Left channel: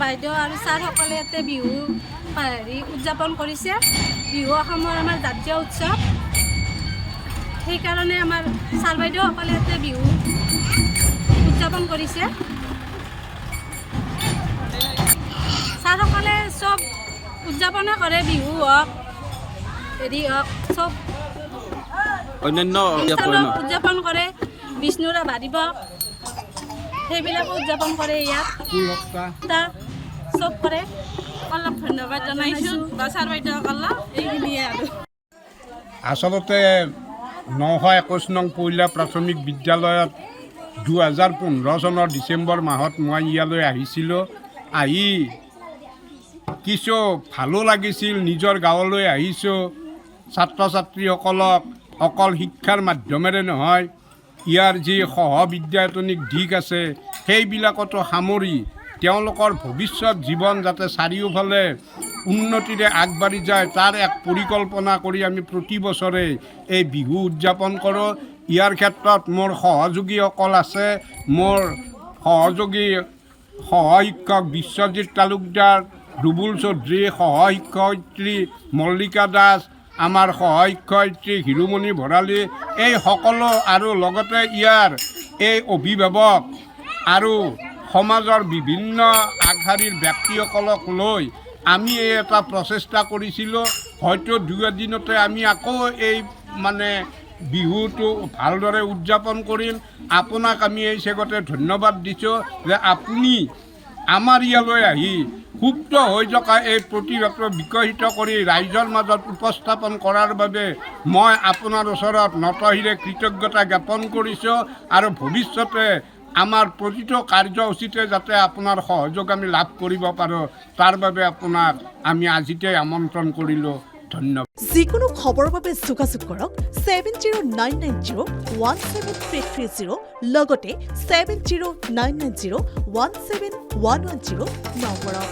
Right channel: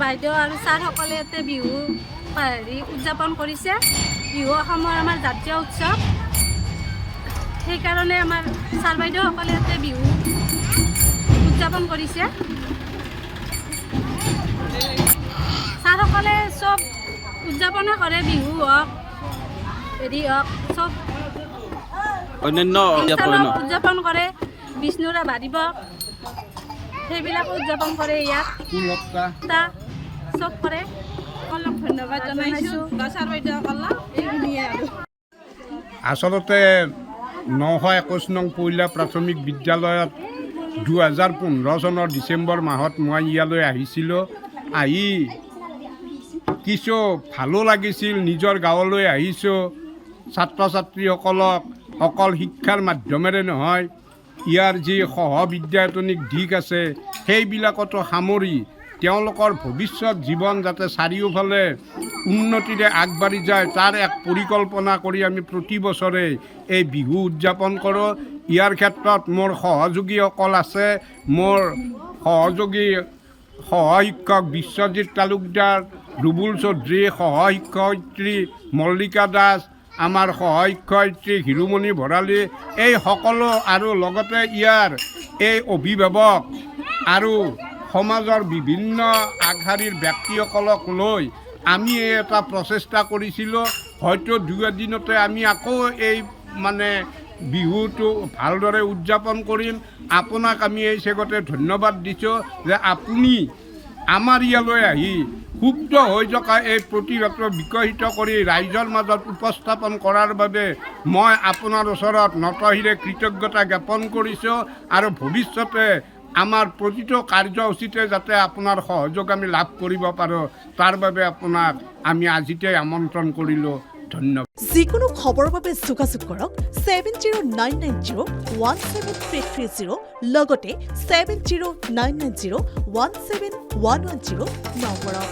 বাইদেউ আৰু ছাৰসকলে ইয়াতে বিহু উদযাপন কৰিছে। বিহু অসমৰ আমাৰ জাতীয় উৎসৱ, সেইকাৰণে আমাৰ ছাৰ বাইদেউসকলে ইয়াতে বিহু উদযাপন কৰিছে। ছাৰসকলে চব উদযাপনে কৰে, বিহু হওক হেৰি হওক চব অন্যান্য উদযাপন কৰে। বিষ্ণুৰা বাঢ়িব সেইবিলাকো উদযাপন কৰে ইয়াত চব কৰে। অলপ ধন্যবাদ জনাইছোঁ ছাৰ বাইদেউসকলক, এইখিনিয়ে আৰু। আচলতে 921 নং পহিলা প্ৰাথমিক বিদ্যালয়ত 2015 চনৰ ডিচেম্বৰ মাহত মই ইয়ালৈ আহিছিলোঁ। আহি কিছু ভালো লাগিছিল, নিজৰ গাঁৱলৈ আহিছোঁ। ছাত্ৰ ছাত্ৰীসকলক অকল শিক্ষাৰ মাধ্যমেৰে নহয়, ইয়াৰ যি সহবিদ্যায়তনিক দিশ আছে সেইবিলাকতো সামৰি তেওঁলোকৰ ভৱিষ্যত জীৱন যাতে চাৰিওফালে উন্নতিৰে আগবাঢ়ি যায় তাৰ এক পৰিকল্পনা কৰি আমি প্ৰতি বছৰে এই বিহু উদযাপন কৰোঁ। ইয়াৰ ক্ষেত্ৰত মোৰ সহযোগীসকল আছে। মোৰ সহযোগী সহশিক্ষক বিশ্বজিৎ তালুকদাৰ, ৰুবুল চৌধুৰী, সহশিক্ষয়িত্ৰী মল্লিকা দাস, আমাৰ সহশিক্ষয়িত্ৰী হিৰুমণি ভৰালী, এই সকলো আৰু লগতে ইয়াৰ এই অভিভাৱক আৰু সমাজৰ বিভিন্ন আগশাৰীৰ ব্যক্তিসকলক লৈ আমি এটা প্ৰচেষ্টা কৰিছিলোঁ। হয়তো 2 এদিনতে আমি আকৌ এই বিহুটো ভালদৰে উদযাপন কৰিম। আপোনাক আমি এই চেগতে ধন্যবাদ দিছোঁ যে আপুনি আমাৰ ইয়ালৈ আহি সুপ্ত হৈ থকা এই প্ৰতিভাটো বিকশিত কৰি ৰাইজৰ মাজত উপস্থাপন কৰাৰ বাবে মই আপোনাৰ ওচৰত নতশিৰে কৃতজ্ঞতা জ্ঞাপন কৰিছোঁ। আৰু ভৱিষ্যতে আমাৰ প্ৰতিটো কাৰ্যসূচীতে যাতে আপোনাৰ সহযোগ আমি লাভ কৰিব পাৰোঁ তাৰ বাবে আপোনাক আমি আজিতে আমন্ত্ৰণ কৰিলোঁ। ধন্যবাদ। যিকোনো খবৰৰ বাবে যোগাযোগ কৰক 7099017330 লগতে 7099017110 নম্বৰত।